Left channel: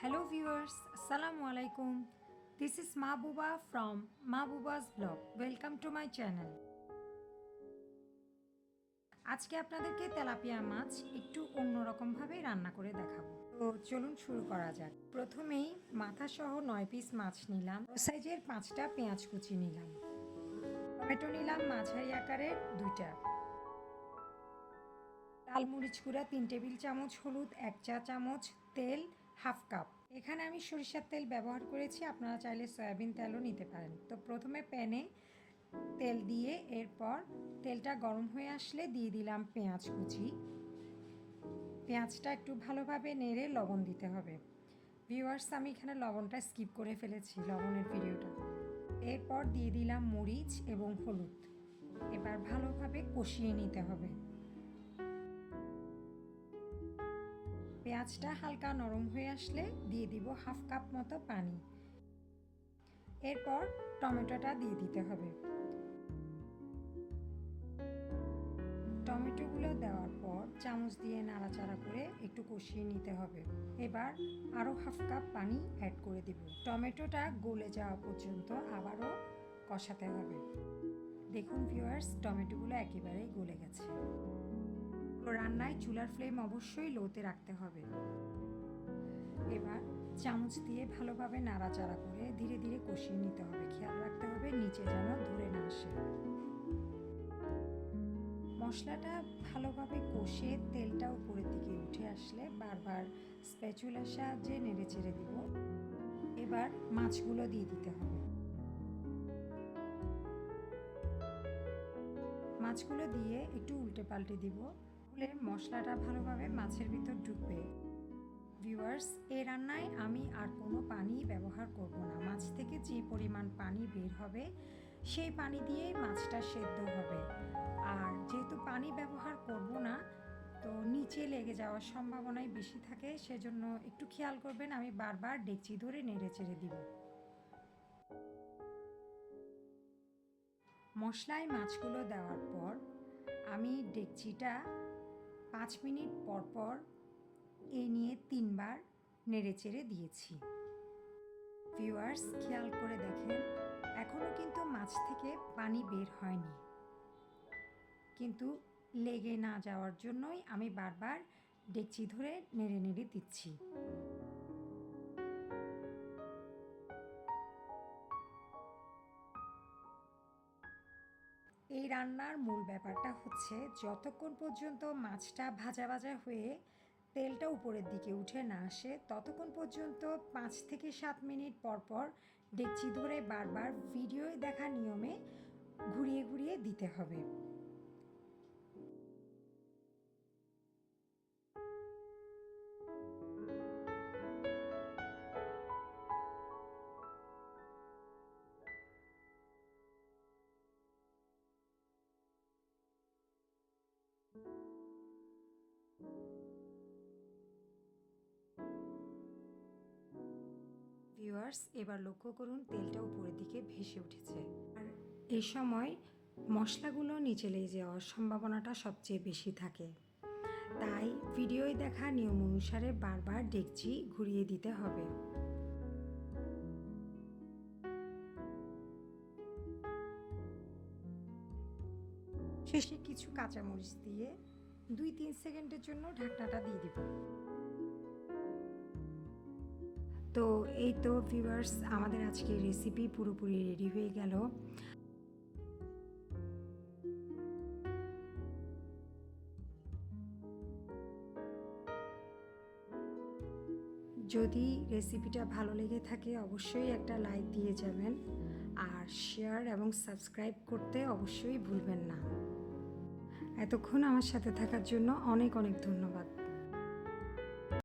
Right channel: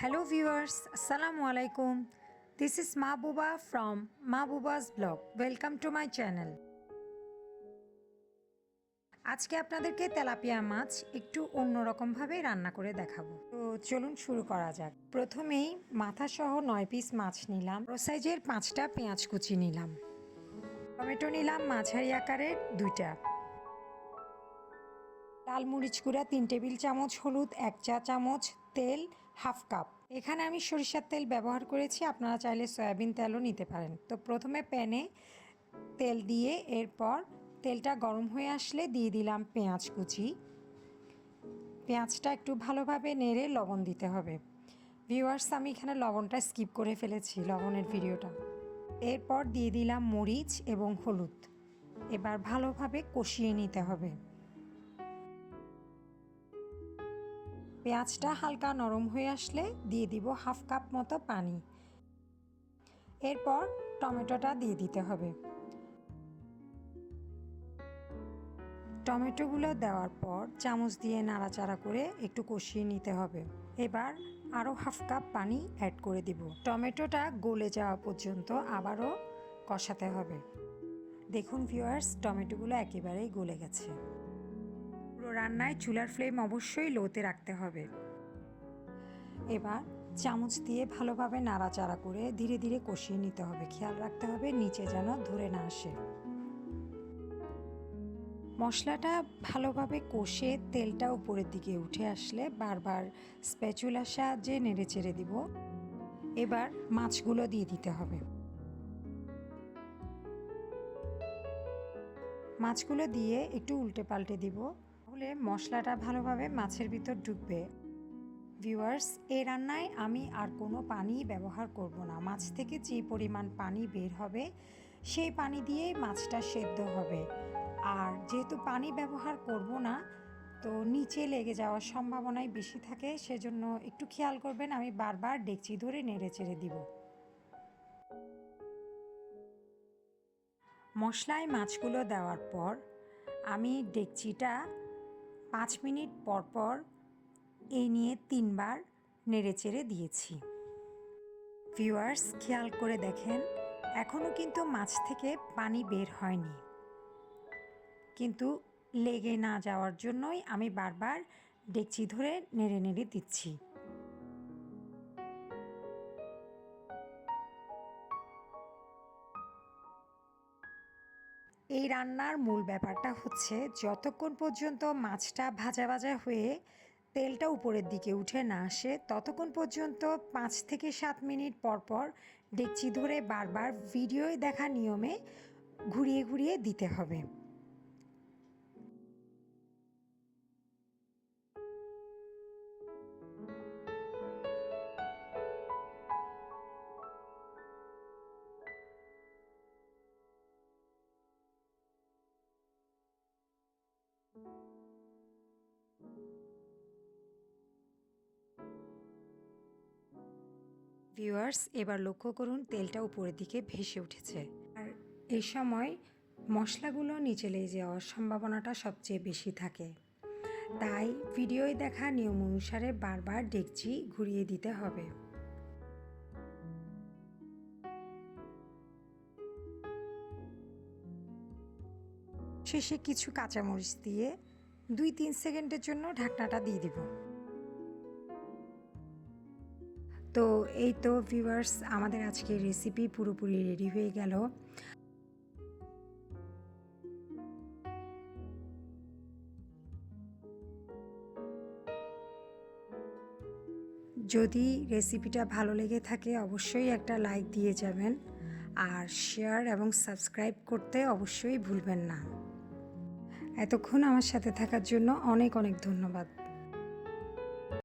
Hello viewers, Assalamu alaikum. This is Mahbuba from Mahbuba's blog. Welcome to my channel. আজকে আপনাদেরকে tilapia মাছ একটু অন্যরকম ভাবে রান্না করে দেখাবো। তো চলুন শুরু করা যাক। প্রথমেই মাথা সহ 9 পিস মাছ নিলাম। বড় সাইজের 5টা পেঁয়াজ কুচি নিলাম। টমেটো নিলাম মাঝারি আকারের 2টা। লাল মরিচ গুঁড়া 3 টেবিল চামচ, হলুদ 1 চা চামচ, তেল হাফ কাপ। এখানে আমি সরিষার তেল ব্যবহার করেছি, আপনারা চাইলে সয়াবিন তেলও নিতে পারেন। তো প্রথমে প্যানে তেল দিয়ে এরপর তেলটা গরম হয়ে আসলে দিয়ে দিলাম পেঁয়াজ কুচি। পেঁয়াজটা একটু ভালোভাবে নেড়ে লবণ দিতে হবে। ভিউয়ার্স, আমি এখানে লবণটা স্কিপ করে ফেলেছি, লবণের ভিডিওটা। এরপর দিয়ে দিলাম মরিচ এবং হলুদ। এবার ভালোভাবে কষিয়ে নিতে হবে। পেঁয়াজটা হালকা নরম হয়ে আসলে দিয়ে দিব হাফ কাপ মতো পানি। এরপর টমেটোটা দিয়ে দিতে হবে। টমেটোগুলো দেওয়ার পর চামচ দিয়ে নাড়াচাড়া করে একটু কষিয়ে নিতে হবে। এবার আরও হাফ কাপ পানি অ্যাড করে দিব। টমেটোটা গলে যাওয়া পর্যন্ত আবারও কষাতে হবে। দেখুন ভিউয়ার্স, টমেটোগুলো একেবারেই গলে গেছে। পুরো রান্নায় চুলার ফ্লেম অবশ্যই লোতে রাখতে হবে। এবার চামচ দিয়ে ভালোভাবে নাড়াচাড়া করে ধীরে ধীরে কষিয়ে নিতে হবে। খেয়াল রাখতে হবে নিচে যেন ধরে না আসে। মশলাটা ভালোভাবে কষে তেলটা উপরের দিকে উঠে আসলে বারবার স্প্যাচুলার সাহায্যে নেড়ে চেড়ে দিব। এবার মাছগুলো দিয়ে দিতে হবে। মাছগুলো দিয়ে একটু উল্টে পাল্টে দিব, তাহলে মশলাটা ভালোভাবে মাছের ভিতর ঢুকবে। ভিউয়ার্স, এই রান্নায় আমি আর কোনো পানি ব্যবহার করব না। মাছ থেকে যে পরিমাণ পানি বের হবে সেই পানি দিয়েই মাছটা সেদ্ধ হবে। আর যেহেতু পানি ব্যবহার করব না, তো নিচে লেগে যাওয়ার সম্ভাবনাই বেশি থাকে, সেজন্য একটু খেয়াল করবেন। আমি বারবার ডেকচি ধরে নেড়ে চেড়ে দিব। মশলায় মাছগুলো দেওয়ার পর আমি ডেকচিটা 5 মিনিট পর পর এই নিয়ে 3 বার নেড়ে চেড়ে দিয়েছি। ভিউয়ার্স, খেয়াল করে দেখেন, এখনও কিন্তু মাছ থেকে পানি বের হয়নি, কিন্তু লেগে না যাওয়ার জন্যই আমি বারবার ডেকচি ধরে নেড়ে নেড়ে দিচ্ছি। এই রান্নার মূল ব্যাপারটা হচ্ছে যতক্ষণ পর্যন্ত মাছটা ভাজা ভাজা হয়ে তেলটা উপরের দিকে উঠে না আসে, ততক্ষণ পর্যন্ত 5 থেকে 7 মিনিট পর পর ডেকচি ধরে বারবার ভিডিওয় দেখা নিয়মে ঘুরিয়ে ঘুরিয়ে দিতে হবে। ভিউয়ার্স, এবার লক্ষ্য করুন তেলটা উপরের দিকে ভেসে উঠেছে। আর এই সময় মশলাগুলো নিচে লেগে যাওয়ার সম্ভাবনাটা সবচেয়ে বেশি থাকে, তাই ভিডিওয় দেখা নিয়ম অনুসারে বারবার ডেকচি ঘুরিয়ে দিতে হবে। শেষে কিছু কাঁচামরিচ দিয়ে 2-3 সেকেন্ডের জন্য ঢাকনাটা দিয়ে দিব। তো এই তো ভিউয়ার্স, আমাদের আজকের রেসিপি পুরোপুরি রেডি হয়ে গেল। যদি রেসিপিটা ভালো লেগে থাকে অবশ্যই একটা লাইক দিয়ে যাবেন, আর শেয়ার এবং সাবস্ক্রাইব করতে অবশ্যই ভুলবেন না। এতক্ষণ আমার সাথে থাকার জন্য অনেক অনেক ধন্যবাদ।